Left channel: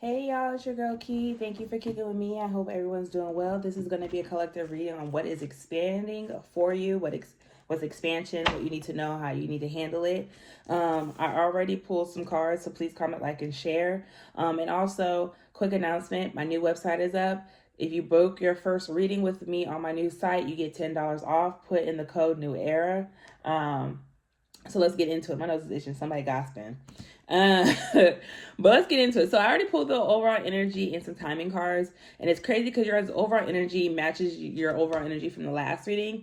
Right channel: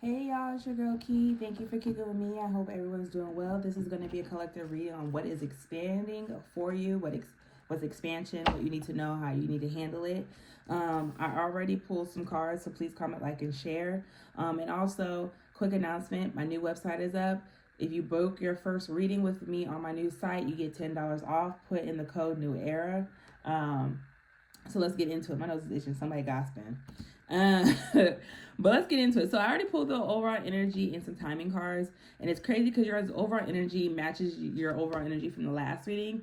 Hey y'all, it's your girl Key. Thank you for kicking with me. I hope everyone's doing well. This is going to be a collective reading on what is expanding for you, what's expansion, what you need to know, how you need to handle it. I already pulled some cards, so please comment, like, and share. And also, quick announcement: my new website is up. If you book your first reading with me on my new site, you get $10 off. Put in the code New Era. So let's get into it. My nose is itching. Somebody gossiping. Uh, but let's get into it. So I already pulled the overall energy and some timing cards, and it's crazy because your overall energy matches your overall energy from the last reading,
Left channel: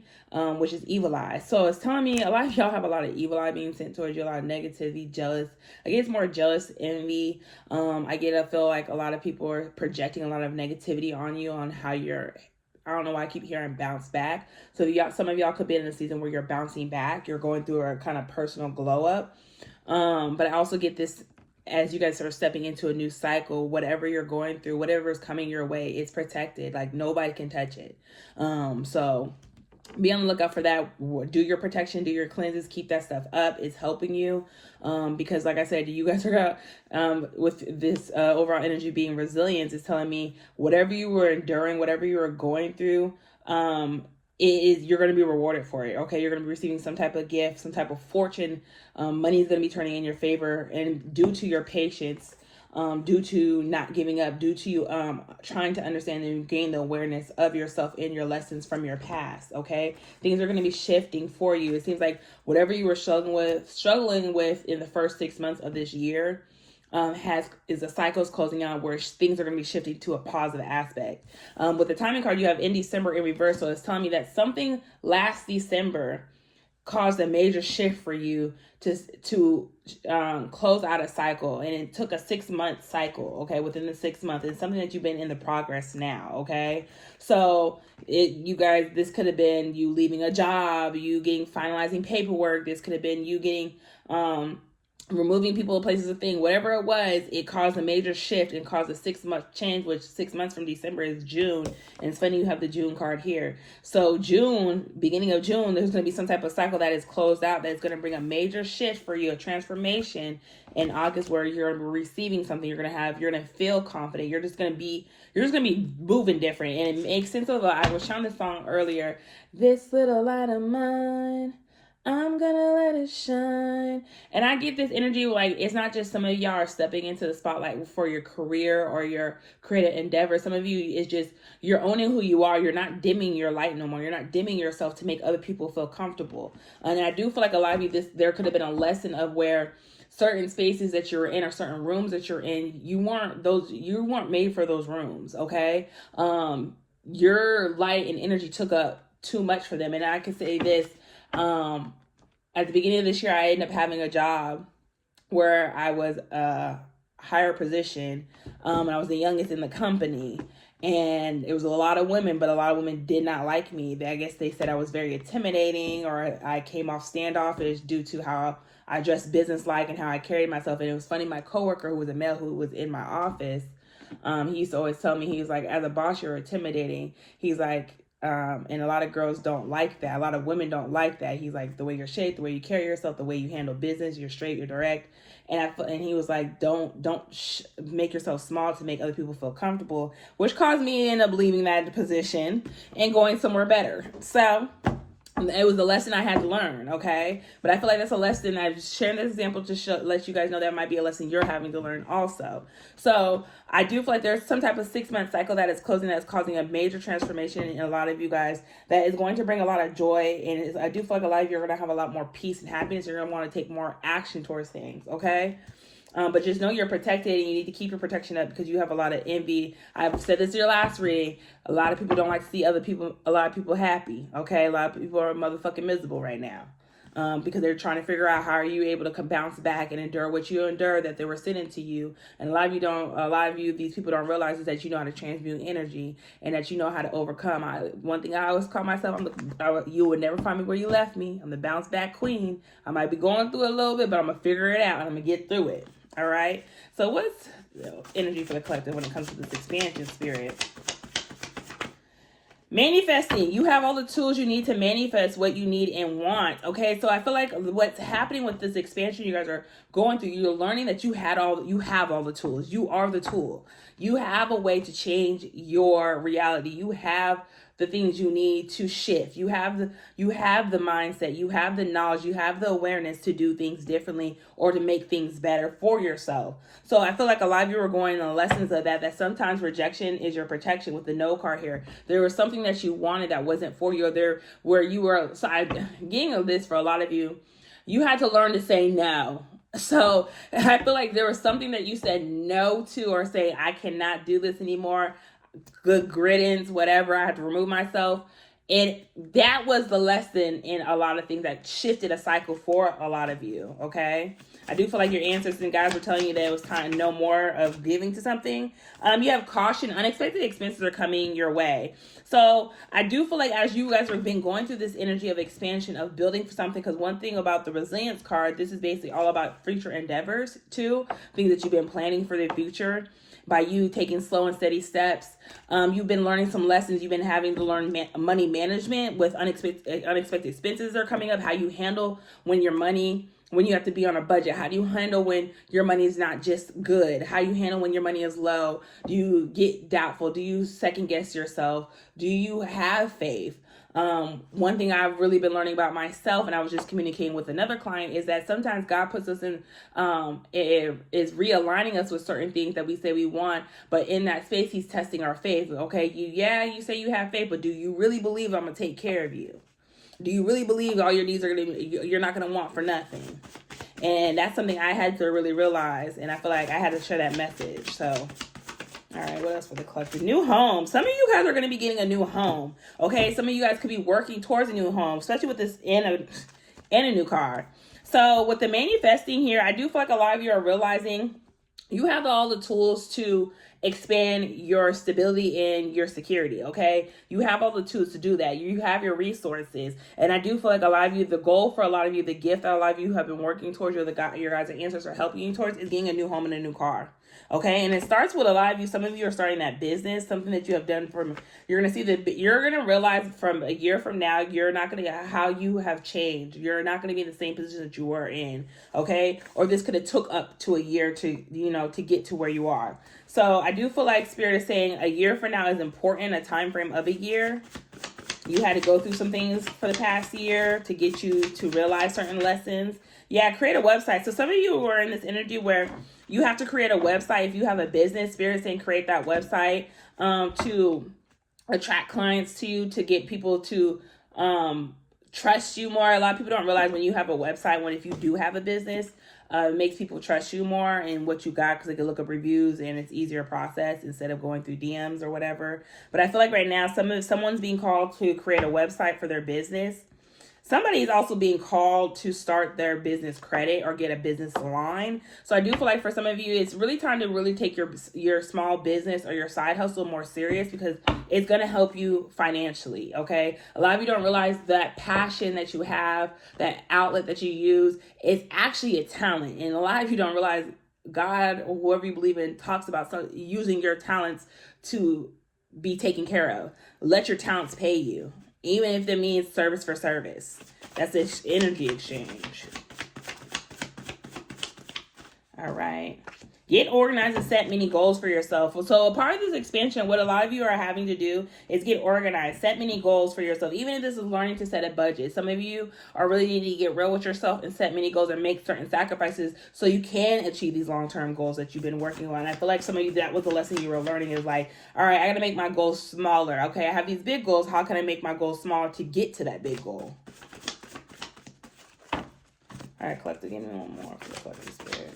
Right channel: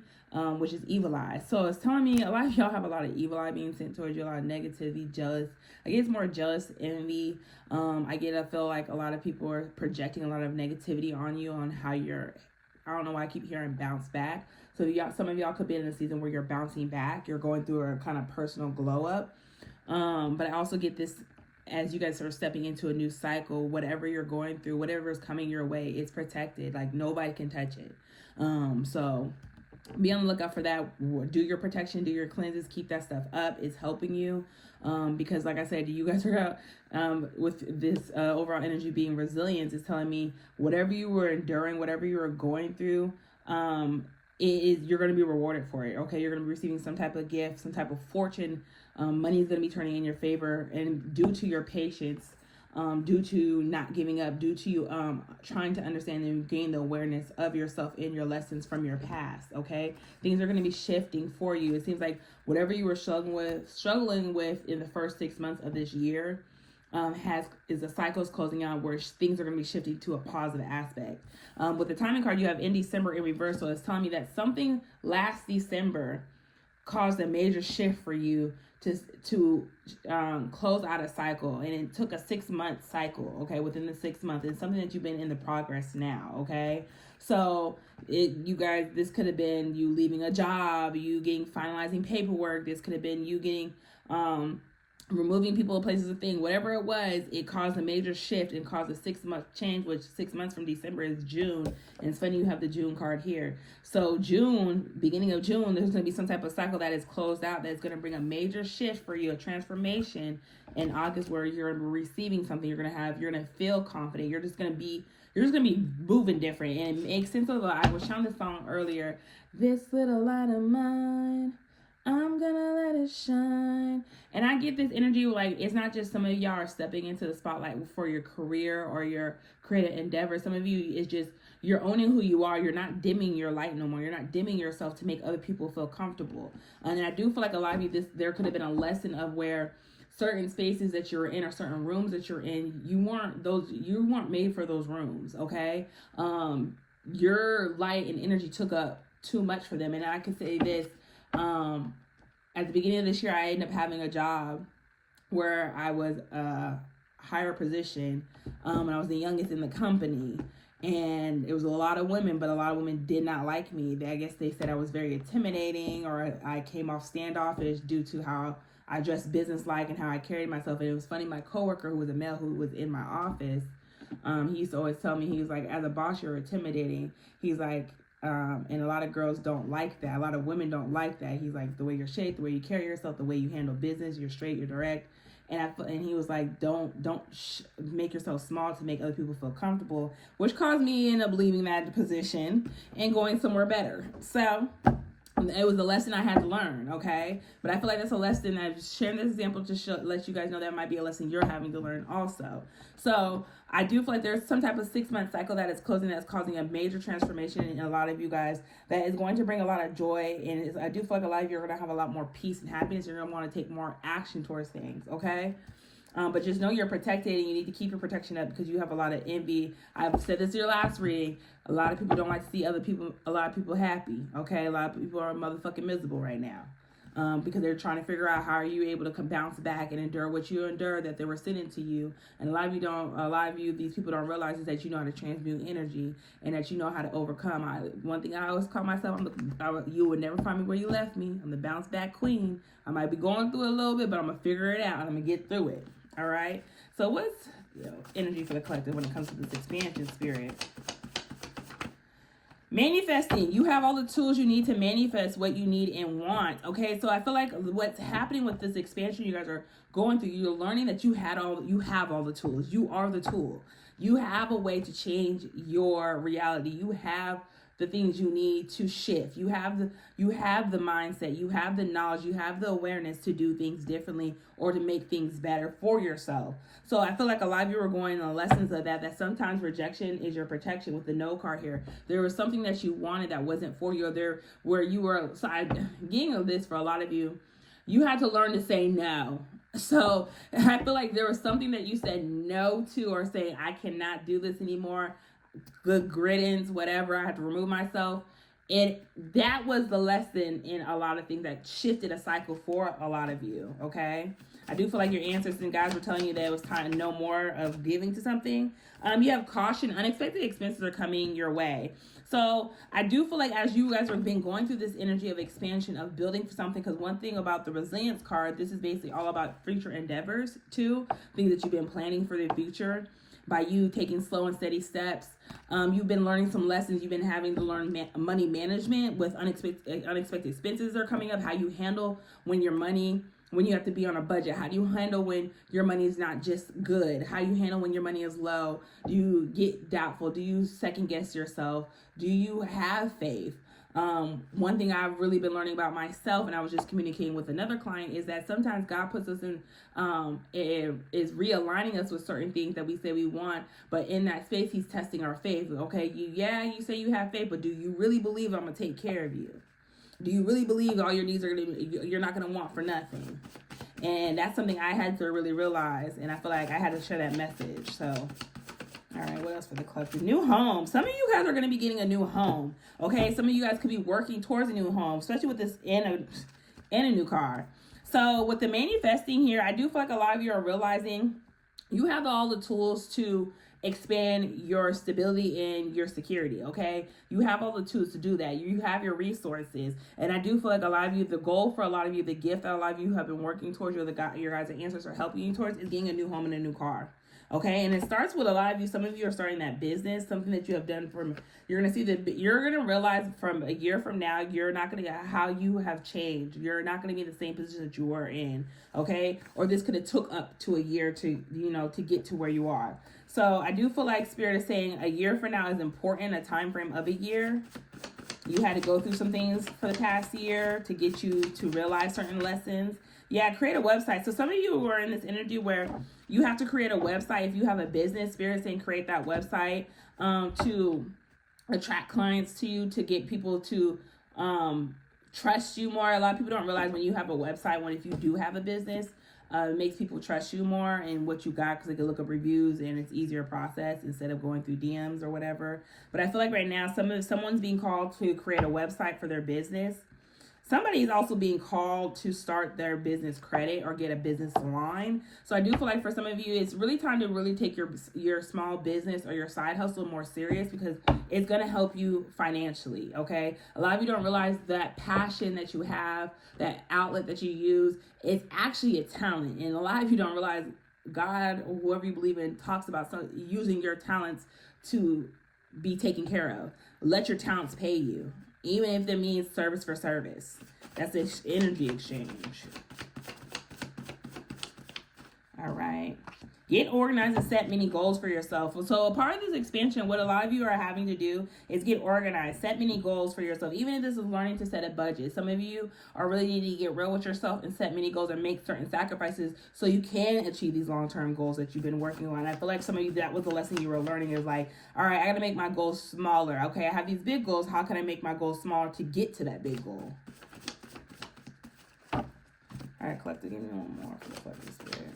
which is evil eye. So it's telling me a lot of y'all have a lot of evil eye being sent towards you, a lot of negativity, jealous. I guess more jealous, envy. I feel like a lot of people are projecting a lot of negativity on you, on how you're. I don't know why I keep hearing bounce back. So some of y'all could be in a season where you're bouncing back. You're going through a kind of personal glow up. But I also get this as you guys are stepping into a new cycle. Whatever you're going through, whatever is coming your way, it's protected. Like nobody can touch it. So be on the lookout for that. Do your protection, do your cleanses, keep that stuff up. It's helping you. Because like I said, you guys are with this overall energy being resilience, is telling me whatever you were enduring, whatever you were going through, you're going to be rewarded for it. Okay, you're going to be receiving some type of gift, some type of fortune. Money is going to be turning in your favor, and due to your patience, due to not giving up, due to you trying to understand and gain the awareness of yourself and your lessons from your past. Okay, things are going to be shifting for you. It seems like whatever you were struggling with in the first 6 months of this year, the cycle is closing out where things are going to be shifting to a positive aspect. With the timing card, you have in December in reverse, so it's telling me that something last December caused a major shift for you to close out a cycle, and it took a 6-month cycle. Okay, within the 6 months, it's something that you've been in the progress now. Okay, so you guys, this could have been you leaving a job, you getting finalizing paperwork. This could have been you getting removing people, places, of thing, whatever it was. It caused a major shift and caused a 6-month change, which 6 months from December is June. And it's funny you have the June card here. So June, beginning of June, there's going to be some type of cycle that is closed out that is going to bring a major shift for you, a transformation in August, where you're going to be receiving something. You're going to feel confident. You're just going to be moving different. And it makes sense of I was showing this song earlier, This Little Light of Mine, I'm gonna let it shine. And I get this energy like it's not just some of y'all are stepping into the spotlight for your career or your creative endeavor. Some of you, it's just you're owning who you are. You're not dimming your light no more. You're not dimming yourself to make other people feel comfortable. And I do feel like a lot of you, there could have been a lesson of where certain spaces that you're in or certain rooms that you're in, you weren't made for those rooms. Okay. Your light and energy took up too much for them. And I can say this, at the beginning of this year, I ended up having a job where I was a higher position, and I was the youngest in the company, and it was a lot of women, but a lot of women did not like me. I guess they said I was very intimidating, or I came off standoffish due to how I dressed businesslike and how I carried myself. And it was funny, my coworker, who was a male, who was in my office, he used to always tell me, he was like, as a boss, you're intimidating. He's like, and a lot of girls don't like that. A lot of women don't like that. He's like, the way you're shaped, the way you carry yourself, the way you handle business, you're straight, you're direct. And he was like, don't make yourself small to make other people feel comfortable, which caused me to end up leaving that position and going somewhere better. So it was a lesson I had to learn, okay? But I feel like that's a lesson. I'm sharing this example to let you guys know that might be a lesson you're having to learn also. So I do feel like there's some type of 6-month cycle that is closing, that's causing a major transformation in a lot of you guys, that is going to bring a lot of joy. And I do feel like a lot of you are going to have a lot more peace and happiness. You're going to want to take more action towards things, okay? But just know you're protected, and you need to keep your protection up because you have a lot of envy. I've said this in your last reading. A lot of people don't like to see a lot of people happy. Okay, a lot of people are motherfucking miserable right now, because they're trying to figure out how are you able to bounce back and endure what you endure that they were sending to you. And a lot of you, these people don't realize is that you know how to transmute energy and that you know how to overcome. One thing I always call myself, you would never find me where you left me. I'm the bounce back queen. I might be going through it a little bit, but I'm gonna figure it out and I'm gonna get through it. All right. So what's energy for the collective when it comes to this expansion spirit? Manifesting, you have all the tools you need to manifest what you need and want. Okay, so I feel like what's happening with this expansion you guys are going through, you're learning that you have all the tools. You are the tool. You have a way to change your reality. You have the things you need to shift. You have the mindset, you have the knowledge, you have the awareness to do things differently or to make things better for yourself. So I feel like a lot of you are going on lessons of that sometimes rejection is your protection. With the no card here, there was something that you wanted that wasn't for you, or there where you were. So I'm getting this for a lot of you. You had to learn to say no. So I feel like there was something that you said no to, or say, I cannot do this anymore. Good riddance, whatever. I had to remove myself. And that was the lesson in a lot of things that shifted a cycle for a lot of you. Okay. I do feel like your ancestors and guys were telling you that it was time no more of giving to something. You have caution. Unexpected expenses are coming your way. So I do feel like as you guys have been going through this energy of expansion, of building for something, because one thing about the resilience card, this is basically all about future endeavors too, things that you've been planning for the future. By you taking slow and steady steps, you've been learning some lessons. You've been having to learn money management with unexpected expenses are coming up. How you handle when you have to be on a budget. How do you handle when your money is not just good? How you handle when your money is low? Do you get doubtful? Do you second guess yourself? Do you have faith? One thing I've really been learning about myself, and I was just communicating with another client, is that sometimes God puts us in, is realigning us with certain things that we say we want, but in that space, he's testing our faith. Okay, you say you have faith, but do you really believe I'm going to take care of you? Do you really believe all your needs you're not going to want for nothing? And that's something I had to really realize, and I feel like I had to share that message. So, all right, what else for the collective? New home. Some of you guys are going to be getting a new home. Okay, some of you guys could be working towards a new home, especially with this and a new car. So with the manifesting here, I do feel like a lot of you are realizing you have all the tools to expand your stability and your security. Okay, you have all the tools to do that. You have your resources, and I do feel like a lot of you, the goal for a lot of you, the gift that a lot of you have been working towards, your guys' ancestors are helping you towards, is getting a new home and a new car. Okay, and it starts with a lot of you. Some of you are starting that business, something that you have done you're going to see you're going to realize from a year from now, you're not going to get how you have changed. You're not going to be in the same position that you were in. Okay, or this could have took up to a year to get to where you are. So I do feel like Spirit is saying a year from now is important, a time frame of a year. You had to go through some things for the past year to get you to realize certain lessons. Yeah, create a website. So some of you are in this energy where you have to create a website. If you have a business, Spirit saying create that website to attract clients to you, to get people to trust you more. A lot of people don't realize when you have a website, if you do have a business, it makes people trust you more and what you got, because they can look up reviews and it's easier process instead of going through DMs or whatever. But I feel like right now someone's being called to create a website for their business. Somebody is also being called to start their business credit or get a business line. So I do feel like for some of you, it's really time to really take your small business or your side hustle more serious, because it's going to help you financially, okay? A lot of you don't realize that passion that you have, that outlet that you use, is actually a talent. And a lot of you don't realize God, or whoever you believe in, talks about using your talents to be taken care of. Let your talents pay you. Even if it means service for service. That's an energy exchange. All right. Get organized and set many goals for yourself. So a part of this expansion, what a lot of you are having to do is get organized. Set many goals for yourself. Even if this is learning to set a budget. Some of you are really needing to get real with yourself and set many goals and make certain sacrifices so you can achieve these long-term goals that you've been working on. I feel like some of you, that was the lesson you were learning, is like, all right, I got to make my goals smaller. Okay, I have these big goals. How can I make my goals smaller to get to that big goal? All right, collective, give me one more for the collective spirit.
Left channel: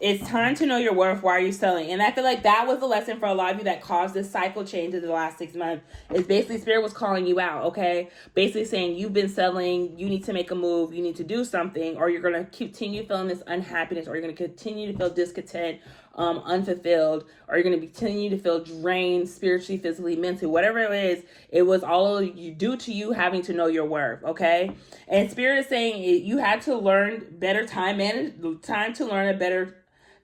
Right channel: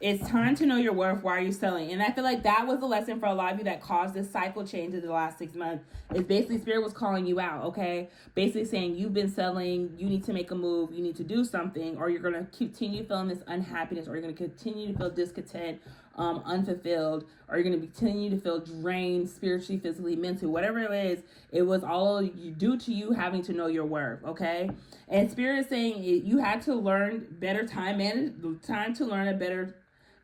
It's time to know your worth. Why are you selling? And I feel like that was the lesson for a lot of you that caused this cycle change in the last 6 months. Is basically Spirit was calling you out, okay? Basically saying you've been selling, you need to make a move, you need to do something, or you're going to continue feeling this unhappiness, or you're going to continue to feel discontent, unfulfilled, or you're going to continue to feel drained spiritually, physically, mentally, whatever it is. It was all due to you having to know your worth, okay? And Spirit is saying you had to learn better time to learn a better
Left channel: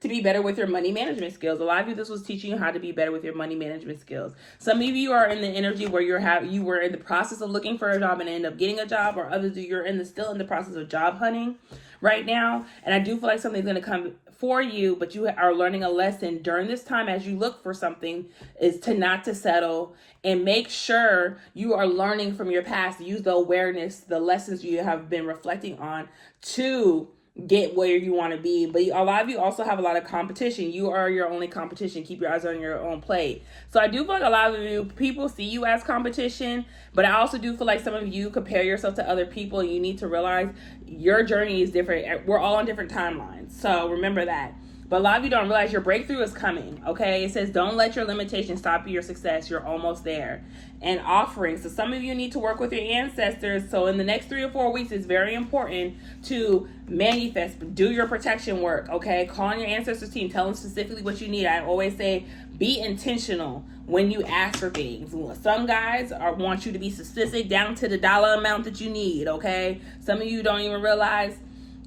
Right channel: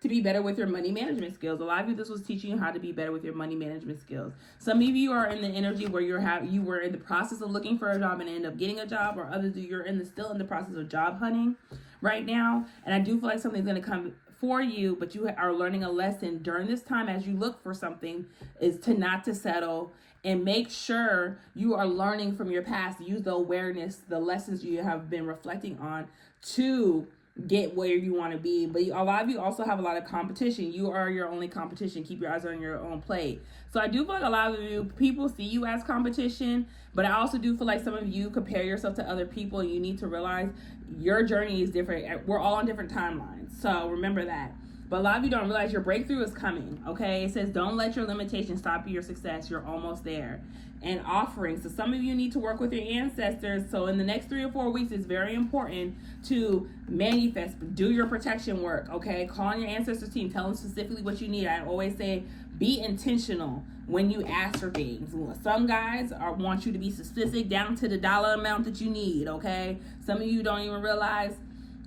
to be better with your money management skills. A lot of you, this was teaching you how to be better with your money management skills. Some of you are in the energy where you were in the process of looking for a job and end up getting a job, or others you're still in the process of job hunting right now. And I do feel like something's going to come for you, but you are learning a lesson during this time as you look for something, is to not to settle, and make sure you are learning from your past. Use the awareness, the lessons you have been reflecting on to get where you want to be. But a lot of you also have a lot of competition. You are your only competition. Keep your eyes on your own plate. So I do feel like a lot of you people see you as competition, but I also do feel like some of you compare yourself to other people, and you need to realize your journey is different. We're all on different timelines, so remember that. But a lot of you don't realize your breakthrough is coming, okay? It says, don't let your limitations stop your success. You're almost there. And offering. So some of you need to work with your ancestors. So in the next 3 or 4 weeks, it's very important to manifest, do your protection work, okay? Call on your ancestors team. Tell them specifically what you need. I always say, be intentional when you ask for things. Some guys want you to be specific down to the dollar amount that you need, okay? Some of you don't even realize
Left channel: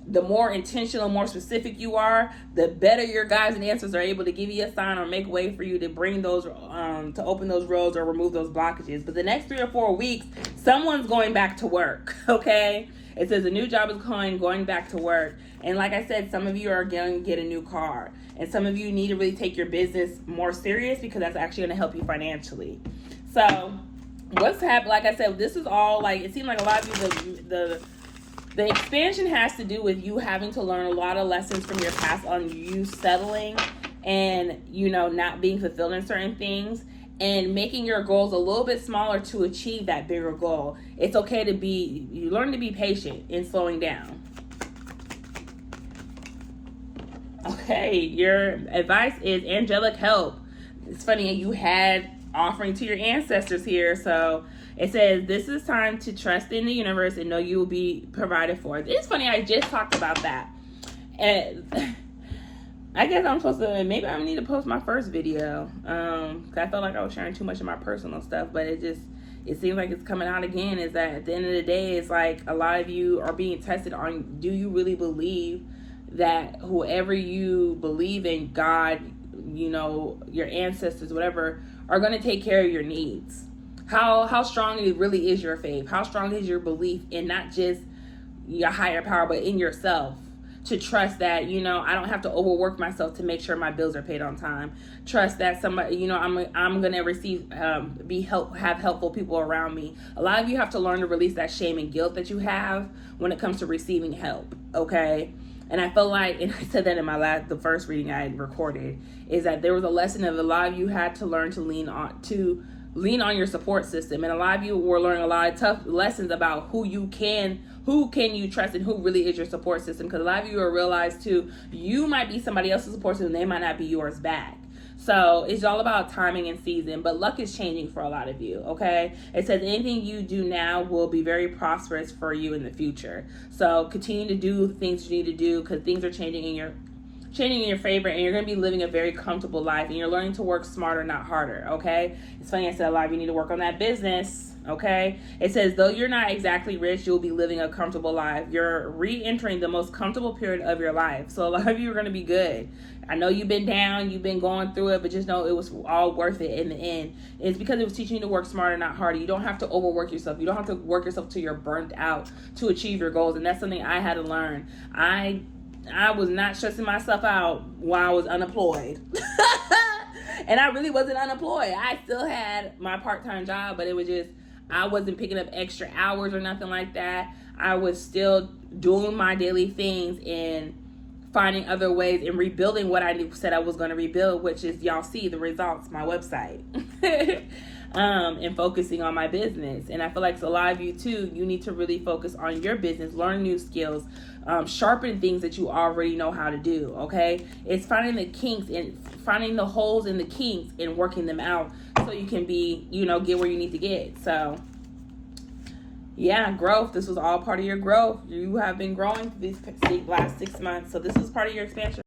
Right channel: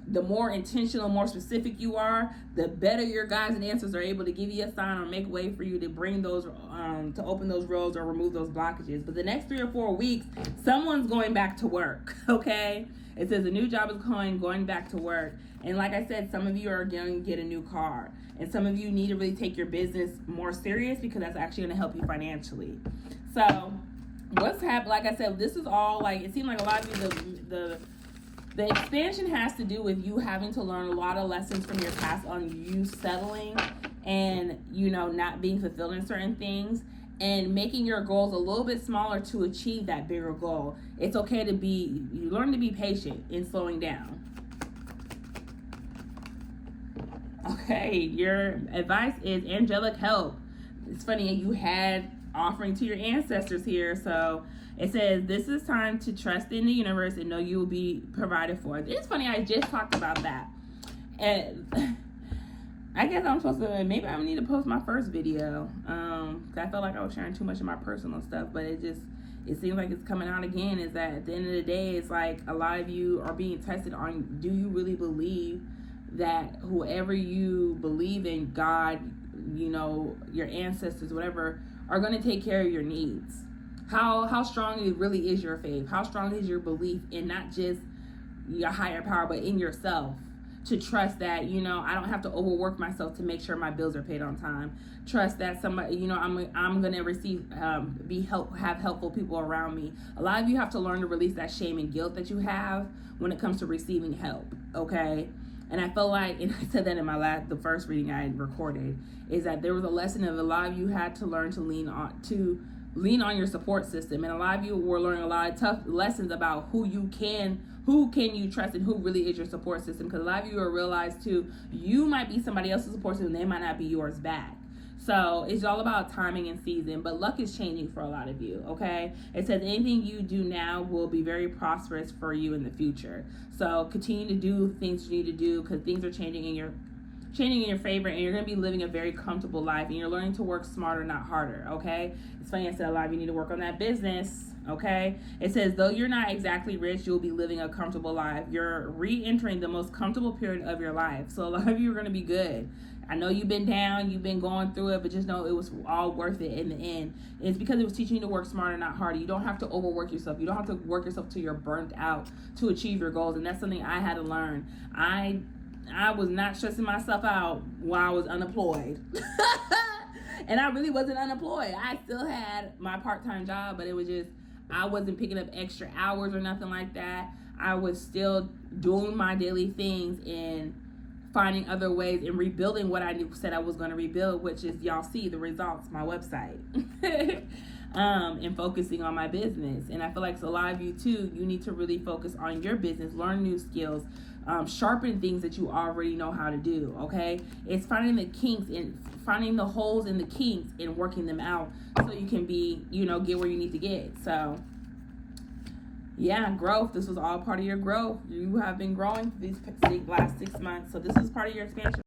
the more intentional, more specific you are, the better your guides and answers are able to give you a sign or make way for you to bring those, to open those roads or remove those blockages. But the next 3 or 4 weeks, someone's going back to work, okay? It says a new job is going back to work. And like I said, some of you are going to get a new car. And some of you need to really take your business more serious, because that's actually going to help you financially. So what's happening, like I said, this is all like, it seemed like a lot of you, the expansion has to do with you having to learn a lot of lessons from your past on you settling and, not being fulfilled in certain things, and making your goals a little bit smaller to achieve that bigger goal. It's okay to you learn to be patient in slowing down. Okay, your advice is angelic help. It's funny, you had offering to your ancestors here, so it says, this is time to trust in the universe and know you will be provided for. It's funny, I just talked about that. And I guess I'm supposed to, maybe I need to post my first video. Cause I felt like I was sharing too much of my personal stuff, but it seems like it's coming out again, is that at the end of the day, it's like a lot of you are being tested on, do you really believe that whoever you believe in, God, your ancestors, whatever, are going to take care of your needs? How strong it really is your faith? How strong is your belief in not just your higher power, but in yourself? To trust that, I don't have to overwork myself to make sure my bills are paid on time. Trust that somebody, I'm gonna receive, have helpful people around me. A lot of you have to learn to release that shame and guilt that you have when it comes to receiving help, okay? And I feel like, and I said that in the first reading I had recorded, is that there was a lesson of a lot of you had to learn to lean on your support system. And a lot of you were learning a lot of tough lessons about who can you trust and who really is your support system. Because a lot of you will realize too, you might be somebody else's support system, they might not be yours back. So it's all about timing and season, but luck is changing for a lot of you, okay? It says anything you do now will be very prosperous for you in the future. So continue to do things you need to do, because things are changing in your favor, and you're going to be living a very comfortable life, and you're learning to work smarter, not harder, okay? It's funny, I said a lot of you need to work on that business, okay? It says, though you're not exactly rich, you'll be living a comfortable life. You're re-entering the most comfortable period of your life. So a lot of you are going to be good. I know you've been down, you've been going through it, but just know it was all worth it in the end. It's because it was teaching you to work smarter, not harder. You don't have to overwork yourself. You don't have to work yourself till you're burnt out to achieve your goals. And that's something I had to learn. I was not stressing myself out while I was unemployed. And I really wasn't unemployed. I still had my part-time job, but it was just, I wasn't picking up extra hours or nothing like that. I was still doing my daily things and finding other ways and rebuilding what I said I was going to rebuild, which is, y'all see the results, my website. And focusing on my business. And I feel like a lot of you too, you need to really focus on your business, learn new skills, sharpen things that you already know how to do, okay? It's finding the kinks and finding the holes in the kinks and working them out so you can be, get where you need to get. So yeah, growth. This was all part of your growth. You have been growing these last 6 months. So this is part of your expansion.